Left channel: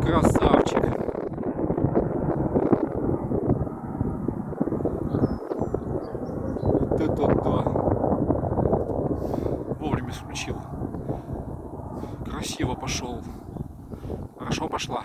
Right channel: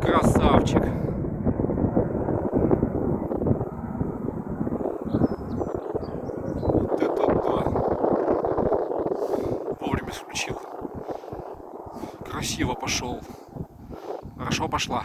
красавчик. Вот это да. Вовремя включил. Красиво пошел. Хорошо пошла.